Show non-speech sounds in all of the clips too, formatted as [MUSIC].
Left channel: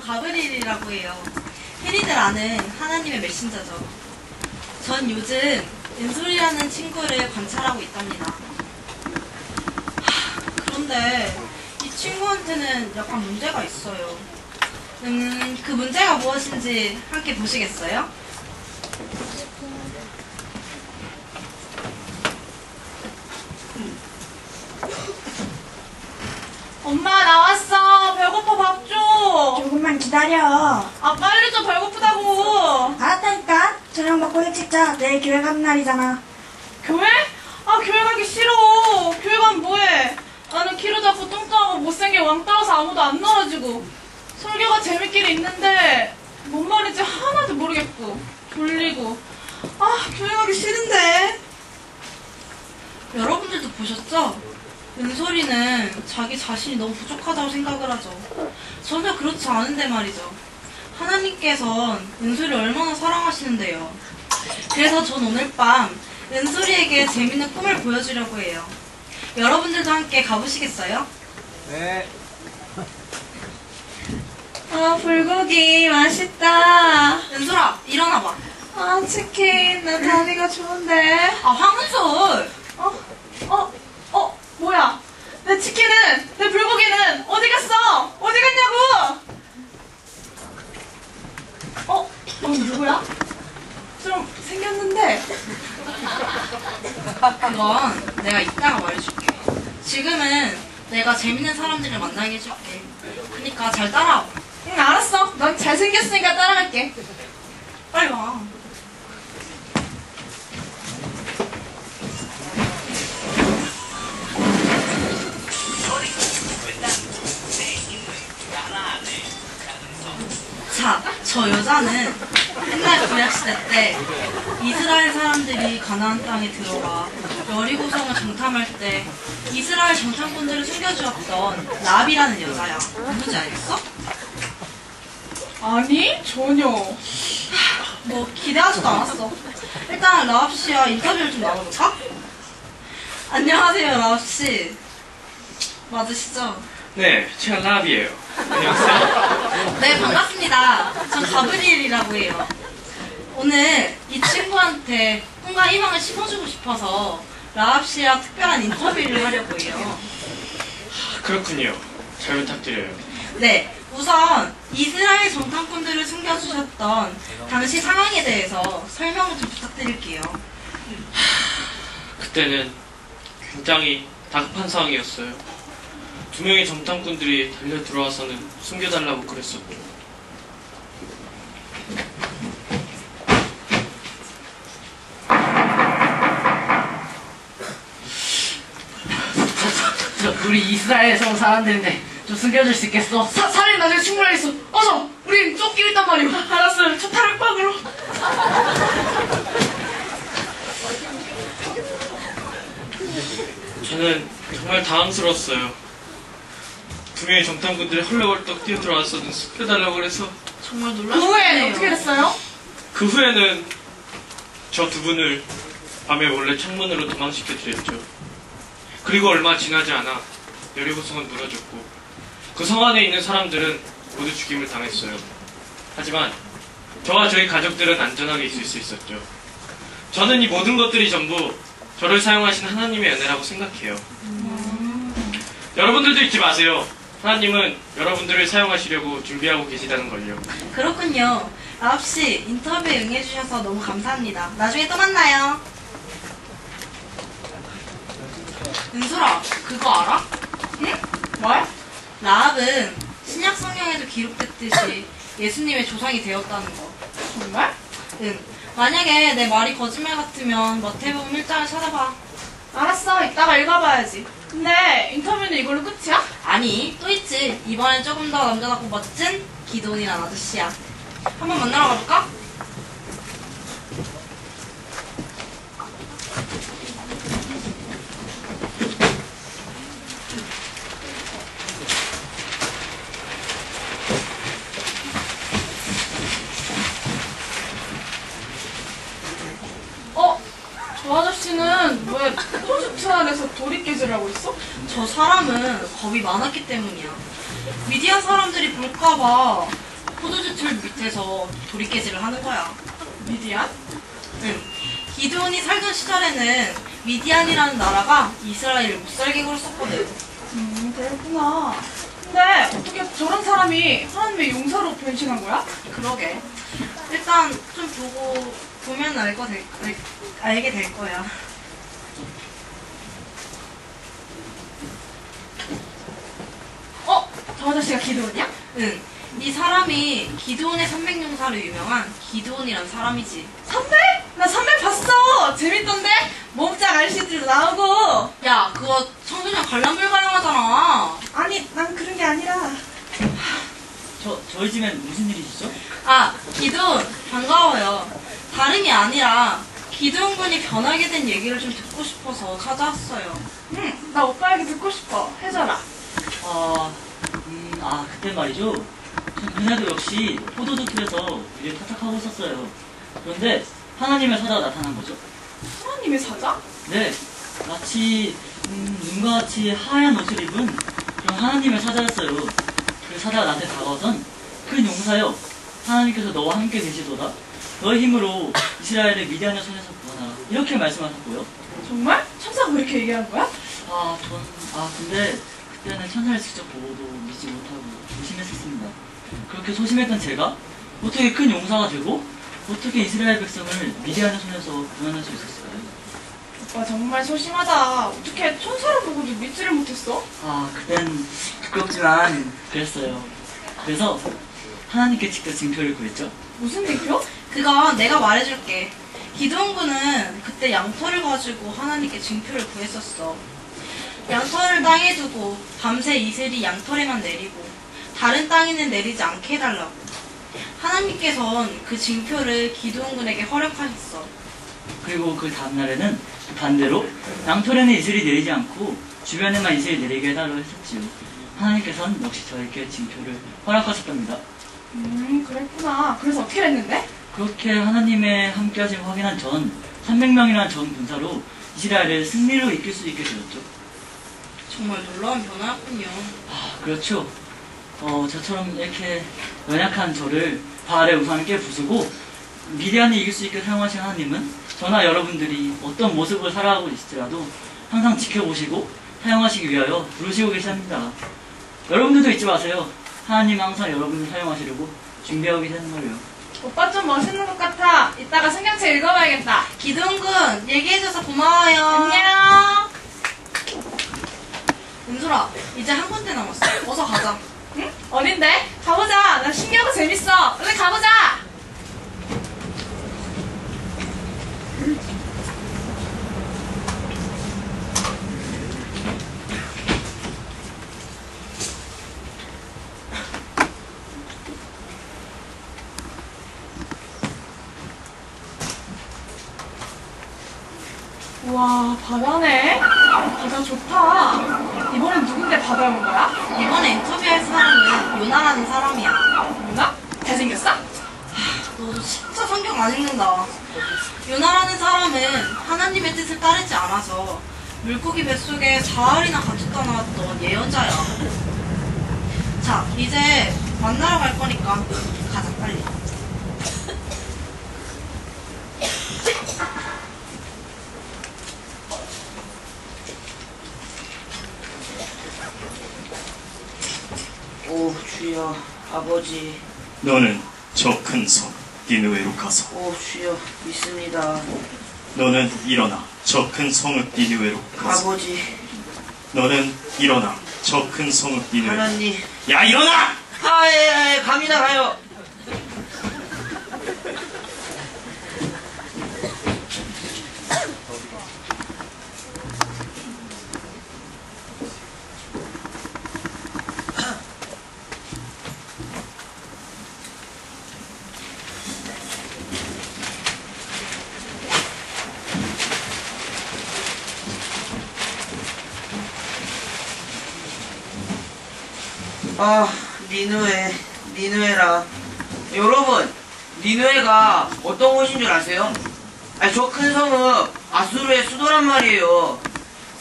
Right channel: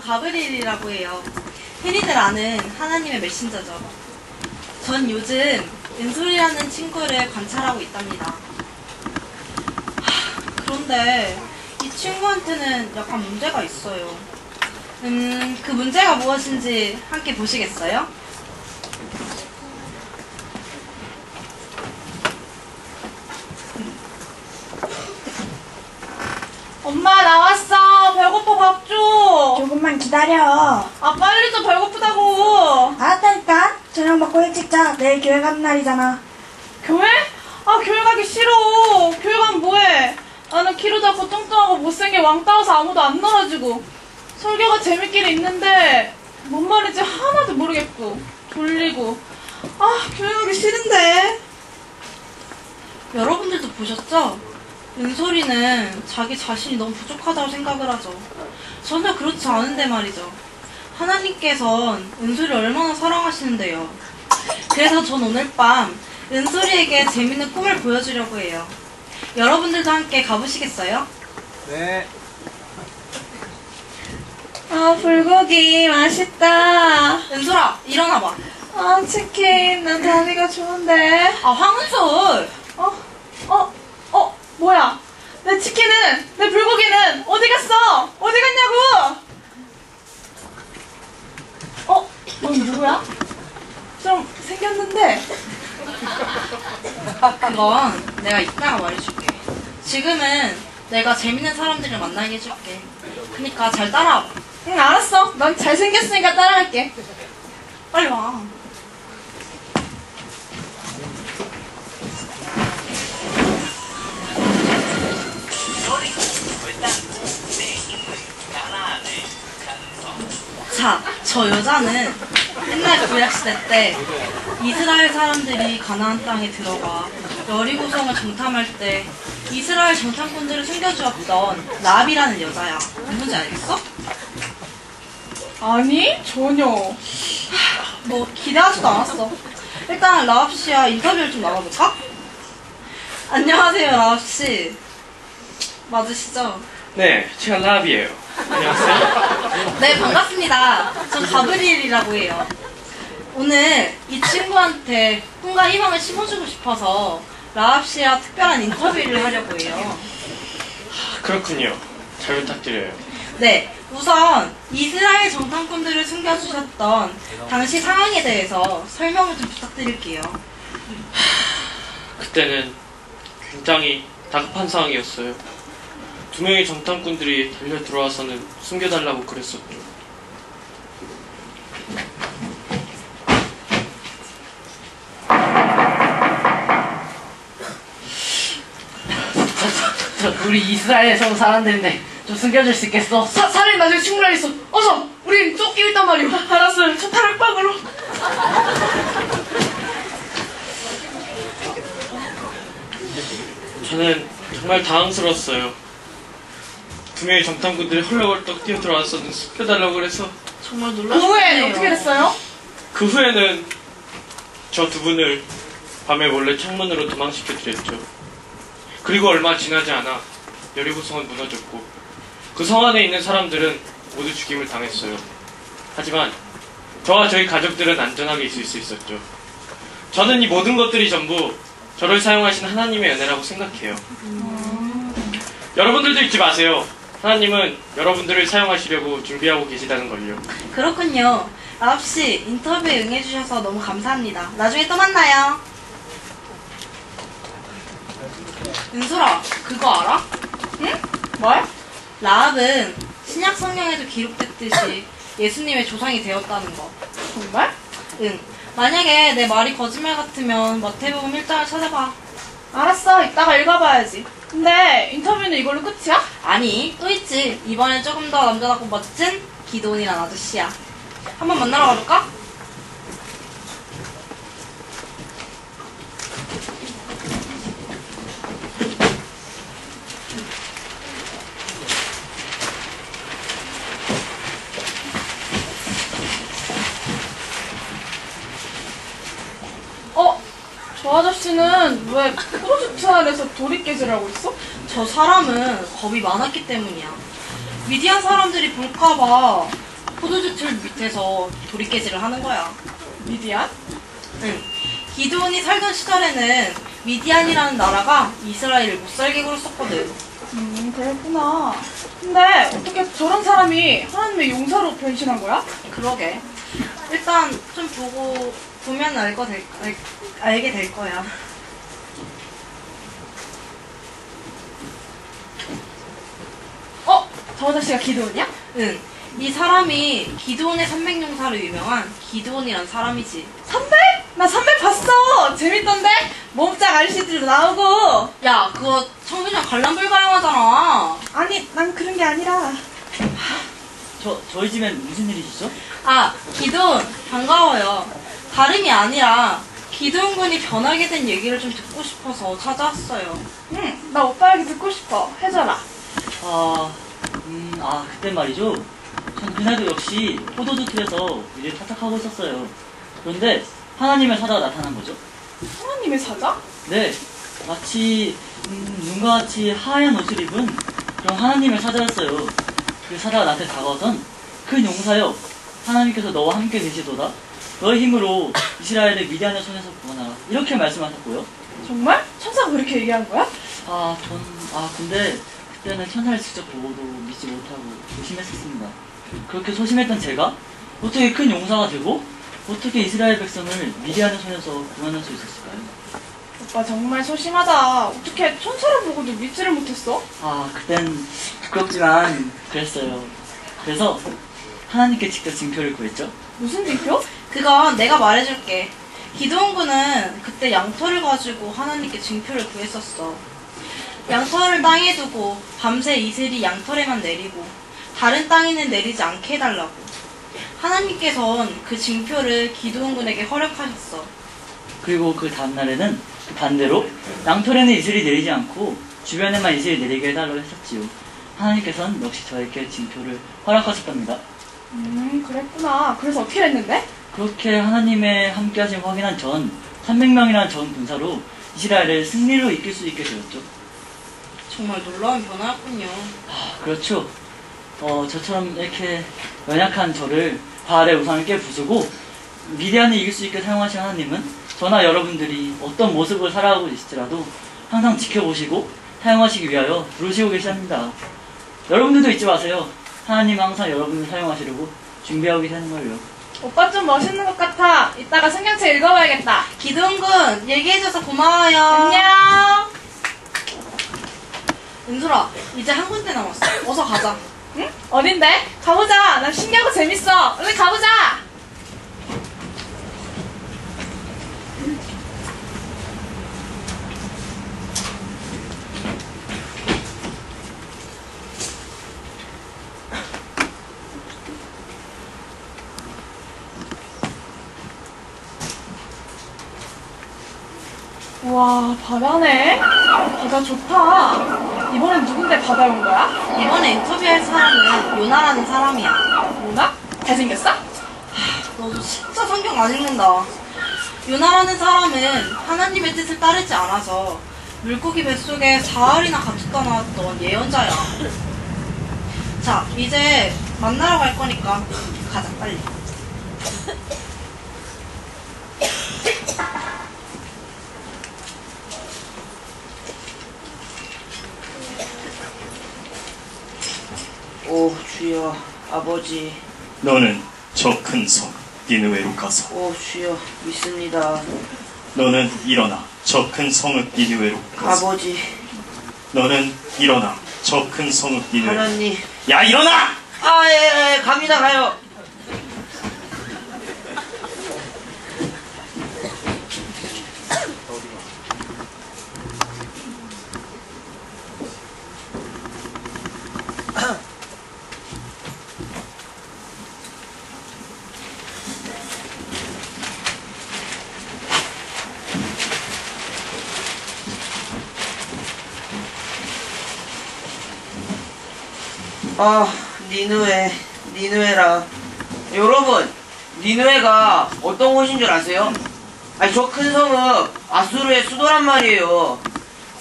전 가브리엘이라고 해요. 흔히들 아는 하나님의 메신저죠. 전 요즘 은솔이라는 친구를 관찰하고 있답니다. 하, 그런데 이 친구한테는 약간 문제가 있어요. 음, 그 문제가 무엇인지 함께 보시겠어요? 엄마 나왔어. 배고파 밥 줘. 조금만 기다려. 아 빨리 좀 배고프다고. 알았다니까. 저녁 먹고 일찍 자. 내일 교회 가는 날이잖아. 교회? 아 교회 가기 싫어. 교회 가면 뭐해? 나는 키로 작고 뚱뚱하고 못생긴 왕따워서 아무도 안 놀아주고 설교가 재밌긴 있는데 뭔 말인지 하나도 모르겠고 졸리고 아 교회 가기 싫은데 여러분들도 보셨죠? 은솔이는 자기 자신이 너무 부족하다고 생각을 하죠. 전혀 그렇지 않은데 말이죠. 하나님께선 은솔이를 얼마나 사랑하시는데요. 그래서 전 오늘 밤 은솔이에게 재밌는 꿈을 보여주려고 해요. 여러분들도 함께 가보시겠어요? 네. 아 불고기 맛있다 은솔아, 일어나봐. 아 치킨 난 다리가 좋은데 아, 황은솔! 어? 어? 어? 뭐야? 내 치킨은 내 불고기는 어디 갔어? 어디 갔냐고? 어? 넌 누구야? 좀 생겼는데 그 건 내가 이따가 말해줄게. 지금은 내가 재밌는 사람들을 만나게 해줄게. 그니까 잘 따라와. 응 알았어 넌 잘생겼으니까 따라갈게 빨리 와. 자, 저 여자는 옛날 구약시대 때 이스라엘 사람들이 가나안 땅에 들어가 여리고성을 정탐할 때 이스라엘 정탐꾼들을 숨겨주었던 라비라는 여자야. 누군지 알겠어? 아니 전혀 뭐 기대하지도 않았어. 일단 라합 씨와 인터뷰를 좀 나눠볼까? 안녕하세요, 라합 씨. 맞으시죠? 네, 제가 라비예요. 안녕하세요. 네, 반갑습니다. 전 가브리엘이라고 해요. 오늘 이 친구한테 꿈과 희망을 심어주고 싶어서 라합 씨와 특별한 인터뷰를 하려고 해요. 그렇군요. 잘 부탁드려요. 네, 우선 이스라엘 정탐꾼들을 숨겨주셨던 당시 상황에 대해서 설명을 좀 부탁드릴게요. 그때는 굉장히 다급한 상황이었어요. 두 명의 정탐꾼들이 달려 들어와서는 숨겨달라고 그랬었죠. 우리 이스라엘에서 온 사람들인데 좀 숨겨줄 수 있겠어? 사, 살인 나중에 충분하겠어 어서 우리 쫓기고 있단 말이오 [LAUGHS] 알았어 저 타락방으로 저는 정말 당황스러웠어요. 두 명의 정탐꾼들이 헐레벌떡 뛰어 들어와서는 숨겨달라고 그래서 정말 그 후에. 어떻게 됐어요? 그 후에는 저 두 분을 밤에 몰래 창문으로 도망시켜 드렸죠. 그리고 얼마 지나지 않아 여리고성은 무너졌고 그 성 안에 있는 사람들은 모두 죽임을 당했어요. 하지만 저와 저희 가족들은 안전하게 있을 수 있었죠. 저는 이 모든 것들이 전부 저를 사용하신 하나님의 은혜라고 생각해요. 여러분들도 잊지 마세요. 하나님은 여러분들을 사용하시려고 준비하고 계시다는 걸요. 그렇군요. 라합 씨, 인터뷰에 응해주셔서 너무 감사합니다. 나중에 또 만나요. 은솔아, 그거 알아? 응? 뭐야? 라합은 신약 성경에도 기록됐듯이 예수님의 조상이 되었다는 거. 정말? 응. 만약에 내 말이 거짓말 같으면 마태복음 1장을 찾아봐. 알았어 이따가 읽어봐야지 근데 인터뷰는 이걸로 끝이야? 아니, 또 있지. 이번엔 조금 더 남자답고 멋진 기도원이란 아저씨야. 한번 만나러 가볼까? 어? 저 아저씨는 왜 프로젝트 안에서 도리깨질 하고 있어? 저 사람은 겁이 많았기 때문이야. 미디안 사람들이 볼까봐 포도주 틀 밑에서 도리깨질을 하는 거야. 미디안? 응. 기드온이 살던 시절에는 미디안이라는 나라가 이스라엘을 못 살게 굴었었거든. 음, 그랬구나. 근데 어떻게 저런 사람이 하나님의 용사로 변신한 거야? 그러게. 일단 좀 보고 보면 알거 될, 알, 알게 될 거야. 어? 저 아저씨가 기도원이야? 응. 이 사람이 기드온의 300용사로 유명한 기드온이란 사람이지. 선배? 나 선배 봤어! 재밌던데? 몸짱 아저씨들도 나오고! 야, 그거 청소년 관람 불가용하잖아. 아니, 난 그런 게 아니라. 저, 저희 집엔 무슨 일이시죠? 아, 기드온 반가워요. 다름이 아니라 기드온 군이 변하게 된 얘기를 좀 듣고 싶어서 찾아왔어요. 응, 나 오빠 얘기 듣고 싶어. 해줘라. 아, 음, 아, 그때 말이죠. 전 그날도 역시 포도주 틀에서 일을 타작하고 있었어요. 그런데 하나님의 사자가 나타난 거죠. 하나님의 사자? 네, 마치 음, 눈과 같이 하얀 옷을 입은 그런 하나님의 사자였어요. 그 사자가 나한테 다가와선 큰 용사여, 하나님께서 너와 함께 계시도다. 너의 힘으로 이스라엘을 미디안의 손에서 구원하라. 이렇게 말씀하셨고요. 정말? 천사가 그렇게 얘기한 거야? 아, 전, 아, 근데 그때는 천사를 직접 보고도 믿지 못하고 조심했었습니다. 그렇게 소심했던 제가 어떻게 큰 용사가 되고 어떻게 이스라엘 백성을 미디안의 손에서 구원할 수 있었을까요? 오빠 정말 소심하다. 어떻게 천사를 보고도 믿지를 못했어? 아, 그땐 두껍지만 그랬어요. 그래서 하나님께 직접 징표를 구했죠. 무슨 징표? 그건 내가 말해줄게. 기드온 군은 그때 양털을 가지고 하나님께 징표를 구했었어. 양털을 땅에 두고 밤새 이슬이 양털에만 내리고 다른 땅에는 내리지 않게 해달라고. 하나님께선 그 징표를 기드온 군에게 허락하셨어. 그리고 그 다음날에는 반대로 양털에는 이슬이 내리지 않고 주변에만 이슬이 내리게 해달라고 했었지요. 하나님께서는 역시 저에게 징표를 허락하셨답니다. 음, 그랬구나. 그래서 어떻게 됐는데? 그렇게 하나님의 함께하심 확인한 전 300명이라는 전 군사로 이스라엘을 승리로 이끌 수 있게 되었죠. 정말 놀라운 변화였군요. 아, 그렇죠. 어, 저처럼 이렇게 연약한 저를 바알의 우상을 깨 부수고 미디안이 이길 수 있게 사용하신 하나님은 저나 여러분들이 어떤 모습을 살아가고 있을지라도 항상 지켜보시고 사용하시기 위하여 부르시고 계십니다. 여러분들도 잊지 마세요. 하나님은 항상 여러분을 사용하시려고 준비하고 계시는 걸요. 오빠 좀 멋있는 것 같아. 이따가 성경책 읽어봐야겠다. 기드온 군 얘기해줘서 고마워요. 안녕. 은솔아, 이제 한 군데 남았어. 어서 가자. 응? 어딘데? 가보자. 나 신기하고 재밌어. 얼른 가보자. 와, 바다네? 바다 좋다. 이번엔 누군데 바다에 온 거야? 이번에 인터뷰할 사람은 요나라는 사람이야. 뭐나? 잘생겼어? 너도 진짜 성경 안 읽는다. 요나라는 사람은 하나님의 뜻을 따르지 않아서 물고기 뱃속에 사흘이나 갇혔다 나왔던 예언자야. 자, 이제 만나러 갈 거니까 가자, 빨리. 오 주여 아버지. 너는 저큰성 니느웨로 가서. 오 주여 믿습니다. 너는 일어나 저 큰 성읍 니느웨로 가서. 아버지. 너는 일어나 저 큰 성읍 니느웨로. 하나님. 야 일어나! 아예 예, 갑니다 가요 아 니누에 니누에라 여러분 니누에가 어떤 곳인 줄 아세요? 아니 저큰 성은 아수르의 수도란 말이에요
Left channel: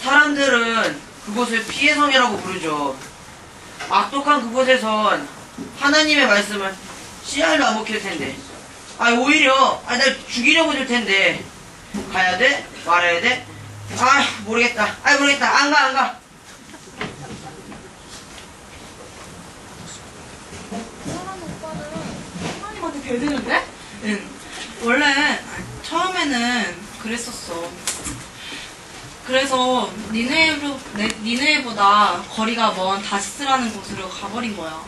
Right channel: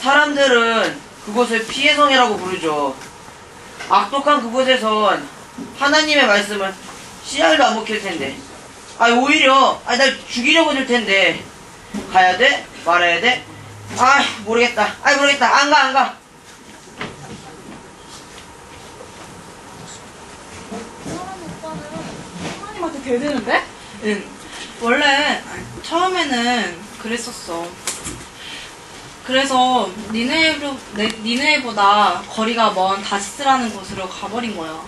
사람들은 그곳을 피해 성이라고 부르죠 악독한 그곳에선 하나님의 말씀을 씨알도 안 먹힐 텐데. 아, 오히려, 아, 날 죽이려고 들 텐데. 가야 돼? 말아야 돼? 아, 모르겠다. 아, 모르겠다. 안 가, 안 가. 사람 오빠는 배드는데? 응. 원래 처음에는 그랬었어. 그래서 니네로, 네, 니네보다 거리가 먼 다시스라는 곳으로 가버린 거야.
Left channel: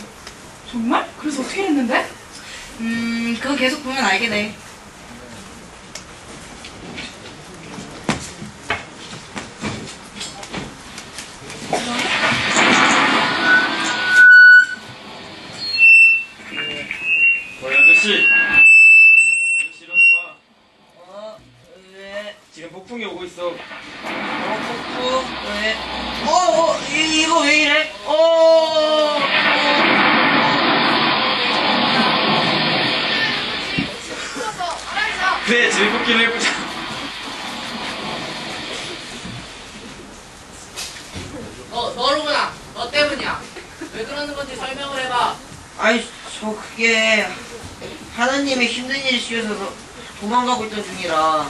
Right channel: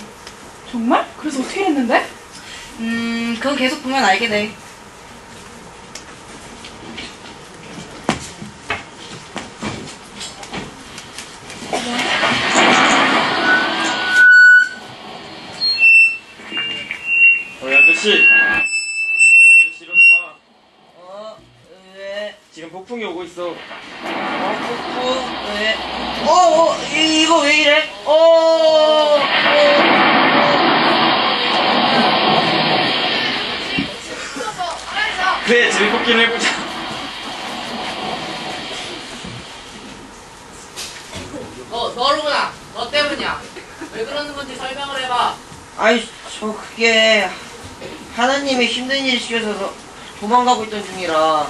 정말? 그래서 어떻게 했는데? 음, 그거 계속 보면 알게 돼. 너, 너로구나. 너 때문이야. 왜 그러는 건지 설명을 해봐. 아니, 저 그게 하나님의 힘든 일을 시켜서 도망가고 있던 중이라.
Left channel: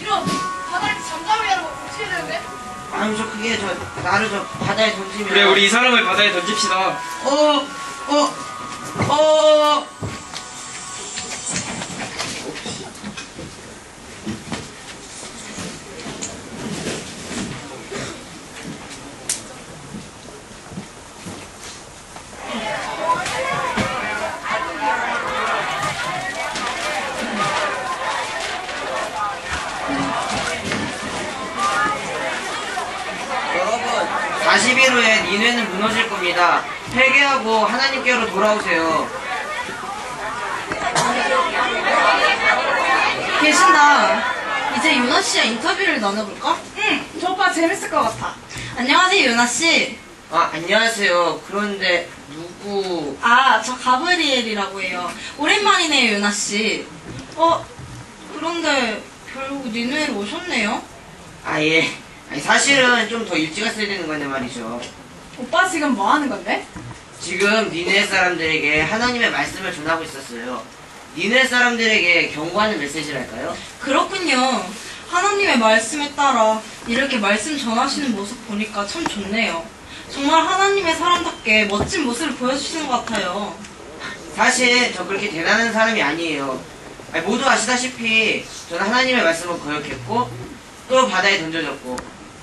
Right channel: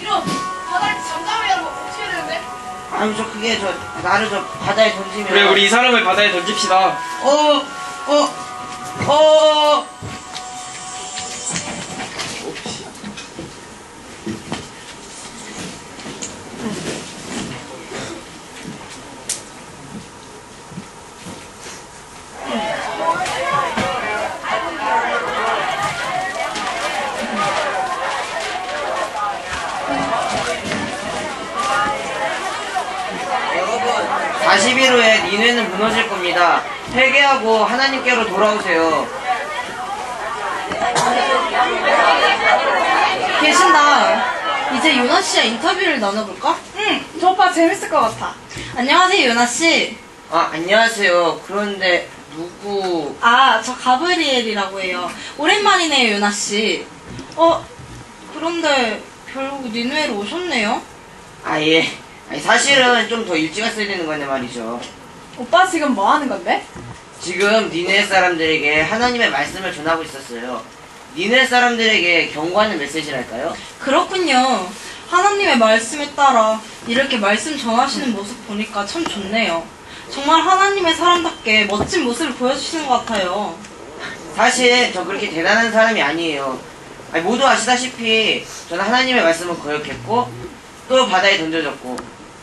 이런 바닥에 잠잠히 하는 거 어떻게 되는데? 아니, 저 그게 저 나를 저 바다에 던지면. 그래 우리 이 사람을 바다에 던집시다 어, 어, 어. 여러분, 40일 후에 니네는 겁니다. 회개하고 하나님께로 돌아오세요. 계신다. 이제 유나 씨와 인터뷰를 나눠볼까? 응, 저 오빠 재밌을 것 같아. 안녕하세요, 유나 씨. 아, 안녕하세요. 그런데 누구? 아, 저 가브리엘이라고 해요. 오랜만이네요, 유나 씨. 어, 그런데 결국 니누에로 오셨네요. 아, 예. 아니, 사실은 좀 더 일찍 왔어야 되는 건데 말이죠. 오빠 지금 뭐 하는 건데? 지금 니네 사람들에게 하나님의 말씀을 전하고 있었어요. 니네 사람들에게 경고하는 메시지랄까요? 그렇군요. 하나님의 말씀에 따라 이렇게 말씀 전하시는 모습 보니까 참 좋네요. 정말 하나님의 사람답게 멋진 모습을 보여주시는 것 같아요. 사실 저 그렇게 대단한 사람이 아니에요. 아니, 모두 아시다시피 저는 하나님의 말씀을 거역했고 또 바다에 던져졌고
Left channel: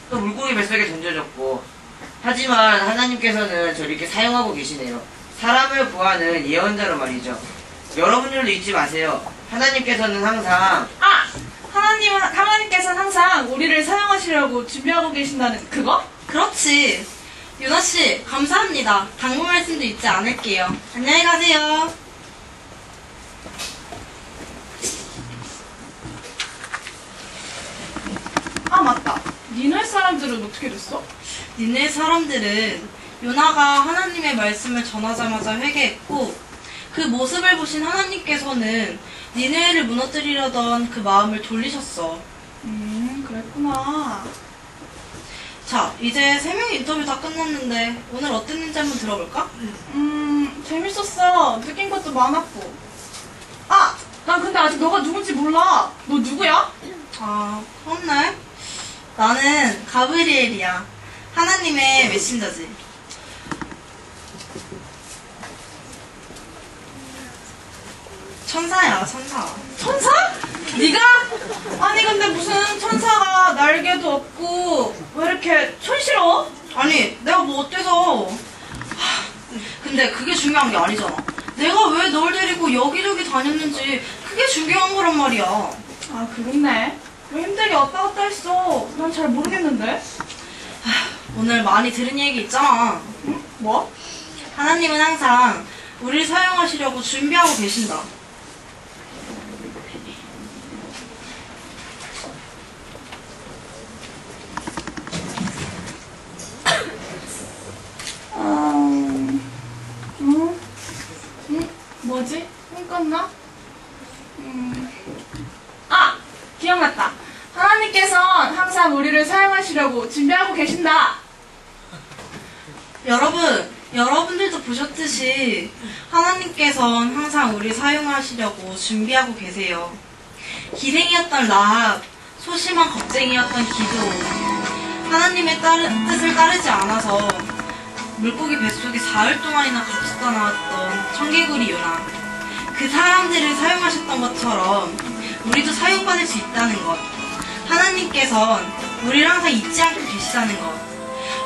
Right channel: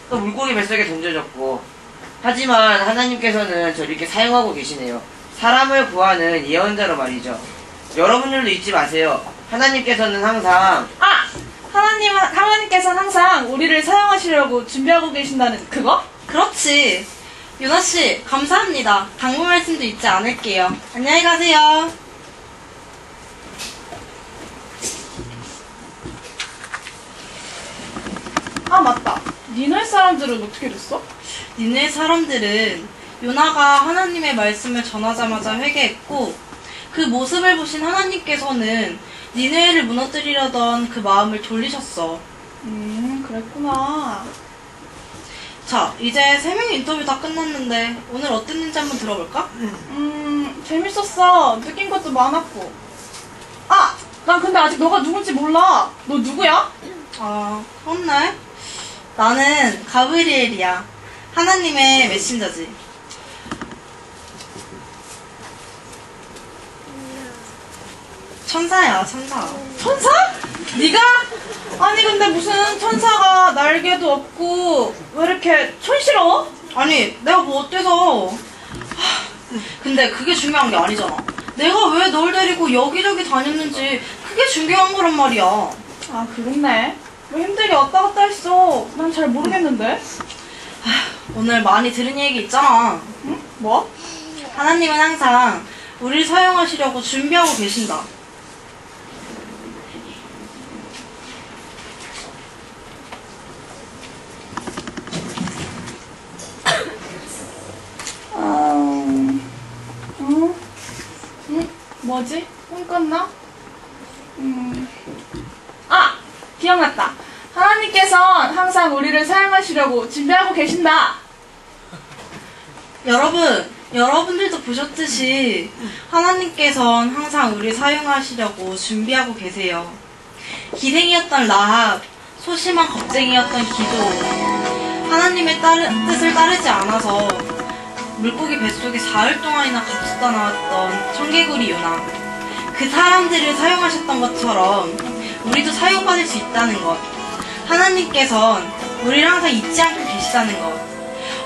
또 물고기 뱃속에 던져졌고 하지만 하나님께서는 저를 이렇게 사용하고 계시네요. 사람을 구하는 예언자로 말이죠. 여러분들도 잊지 마세요. 하나님께서는 항상 아! 하나님, 하나님께서는 항상 우리를 사용하시려고 준비하고 계신다는 그거? 그렇지. 유나 씨, 감사합니다. 당부 말씀도 잊지 않을게요. 안녕히 가세요. 아, 맞다. 니네 사람들은 어떻게 됐어? 니네 사람들은 요나가 하나님의 말씀을 전하자마자 회개했고 그 모습을 보신 하나님께서는 니네를 무너뜨리려던 그 마음을 돌리셨어. 음, 그랬구나. 자, 이제 세 명의 인터뷰 다 끝났는데 오늘 어땠는지 한번 들어볼까? 음, 재밌었어. 느낀 것도 많았고. 아! 난 근데 아직 너가 누군지 몰라. 너 누구야? 아, 그렇네. 나는 가브리엘이야. 하나님의 메신저지. 천사야, 천사. 천사? 네가? 아니 근데 무슨 천사가 날개도 없고 왜 이렇게 촌스러워? 아니, 내가 뭐 어때서. 하, 근데 그게 중요한 게 아니잖아. 내가 왜 널 데리고 여기저기 다녔는지 그게 중요한 거란 말이야. 아 그렇네. 왜 힘들게 왔다 갔다 했어? 난 잘 모르겠는데. 오늘 많이 들은 얘기 있잖아. 응? 뭐? 하나님은 항상 우리를 사용하시려고 준비하고 계신다. 음, 음, 음, 뭐지? 꿈꿨나? 음, 아! 기억났다. 하나님께선 항상 우리를 사용하시려고 준비하고 계신다. 여러분, 여러분들도 보셨듯이 하나님께선 항상 우리 사용하시려고 준비하고 계세요. 기생이었던 라합, 소심한 겁쟁이였던 기도, 하나님의 따르- 뜻을 따르지 않아서 물고기 뱃속에 사흘 동안이나 갇혔다 나왔던 청개구리 요나. 그 사람들을 사용하셨던 것처럼 우리도 사용받을 수 있다는 것. 하나님께선 우리를 항상 잊지 않고 계시다는 것.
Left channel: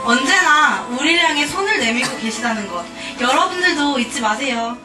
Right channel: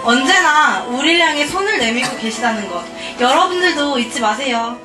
언제나 우리를 향해 손을 내밀고 계시다는 것. 여러분들도 잊지 마세요.